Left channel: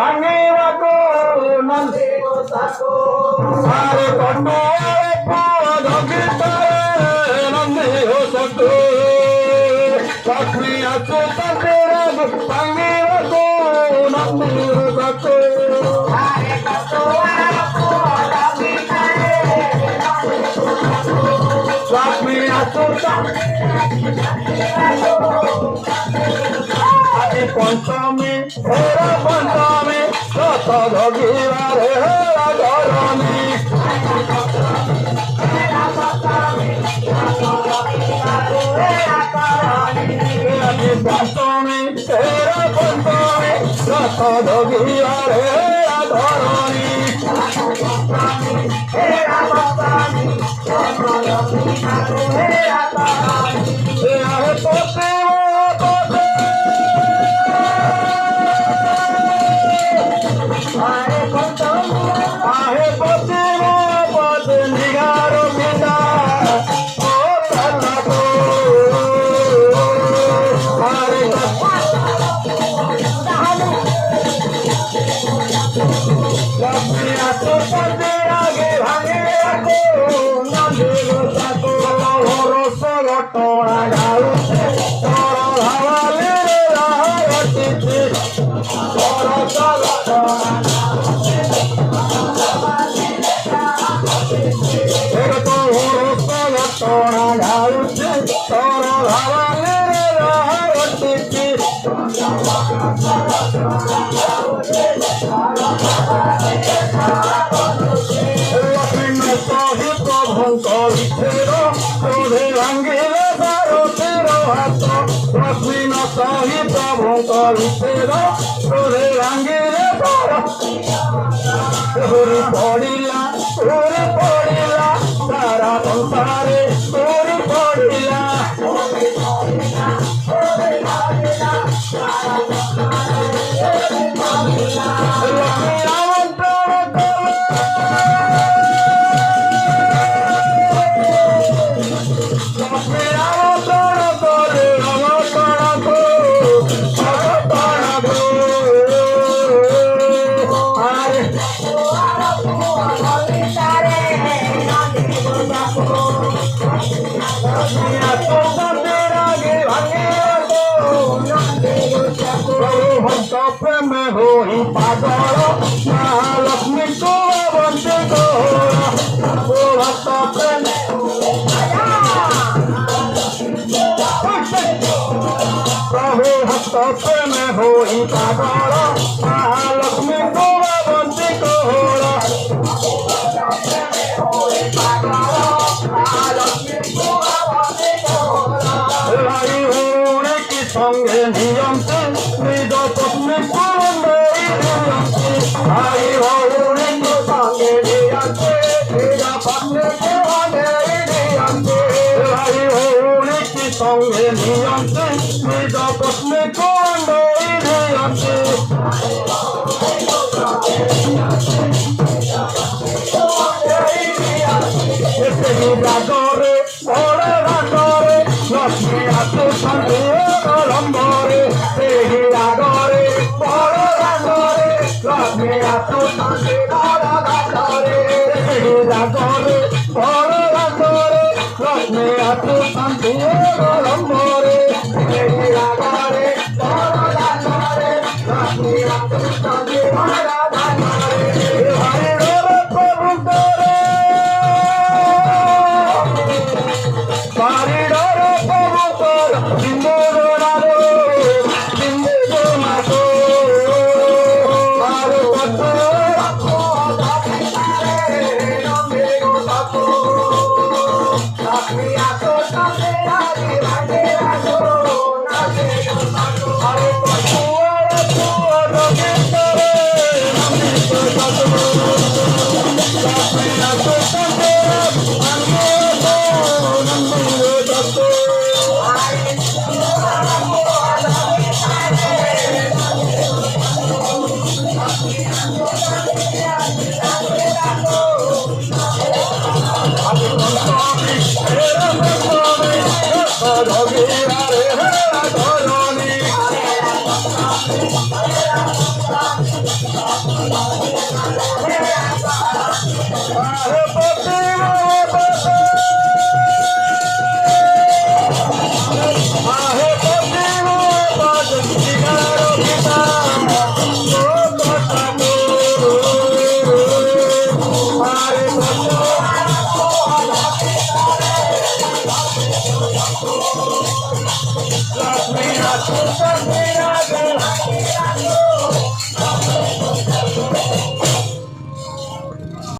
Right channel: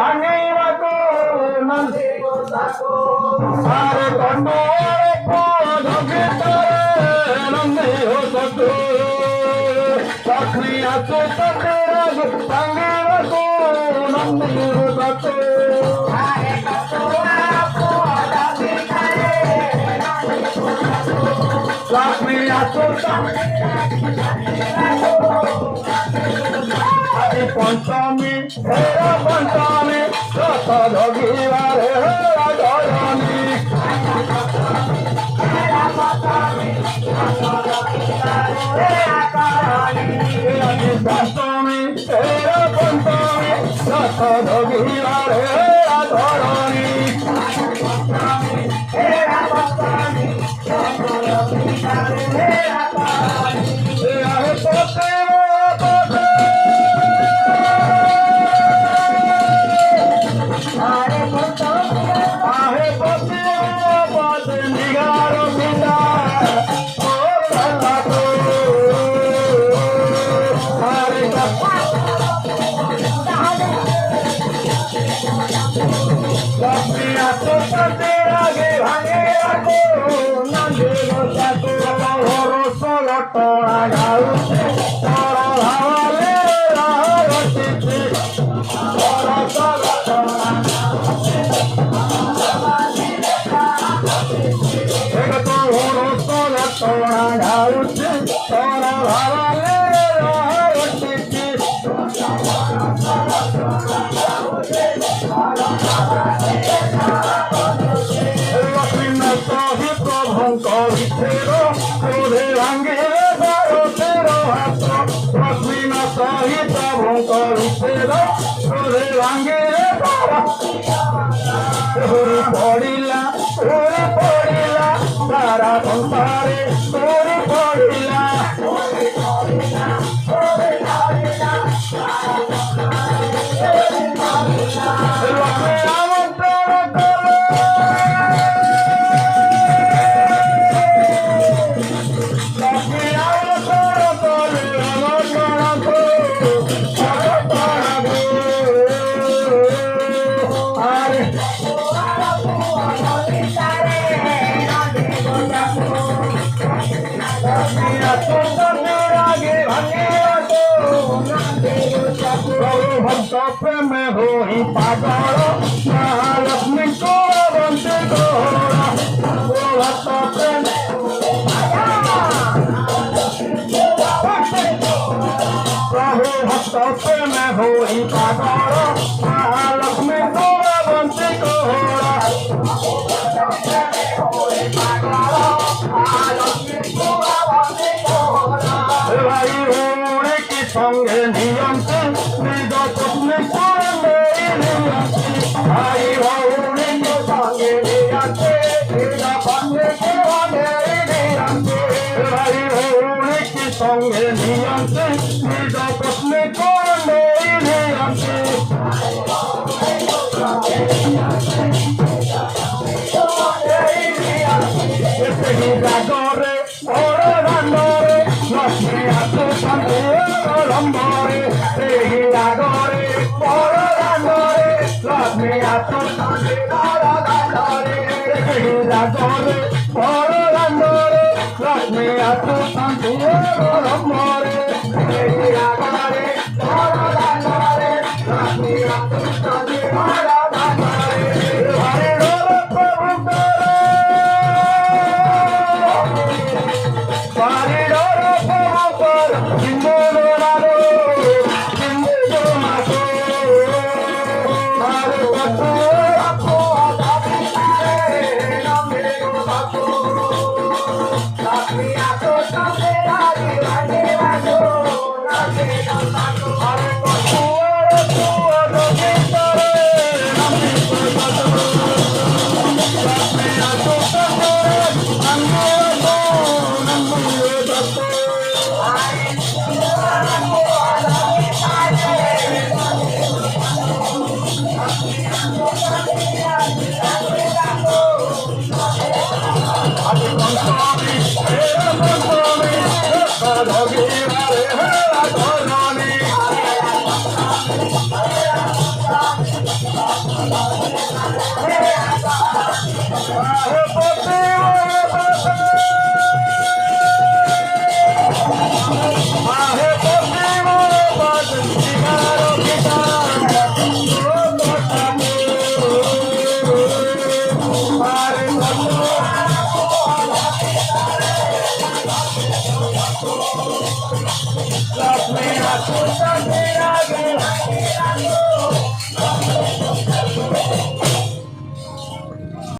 भांगेराको नंदी गोसाको सारे कंडो पुआ धगितारे नंदी गोसाको लक्ष्मी आसो तेरा भांगेराको नंदी गोसाको सारे कंडो पुआ धगितारे लक्ष्मी आसो पंचमी हेरा पंचमी रथ धगिबारे धरणी पंचमी हेरा पंचमी रथ धगिबारे धरणी तारा संसारे पड़िला में हो पागल महालक्ष्मी को बंदे को भक्त प्रेम प्रभु भक्त प्रेम हो पागल महालक्ष्मी को बंदे को भाई भौणी की संगे नियंत्रण निज पत्नी भाई भौणी को संगे निज पत्नी भाई भौणी की संगे नियंत्रण निज पत्नी को रागरे ओरे रागरे लक्ष्मी आसो शांति लंबरे रागरे ओरे रागरे लक्ष्मी आसो शांति रागरे ओरे रागरे लक्ष्मी आसो शांति लंबरे रागरे ओरे रागरे लक्ष्मी आसो शांति Hare Las minas cruzan mi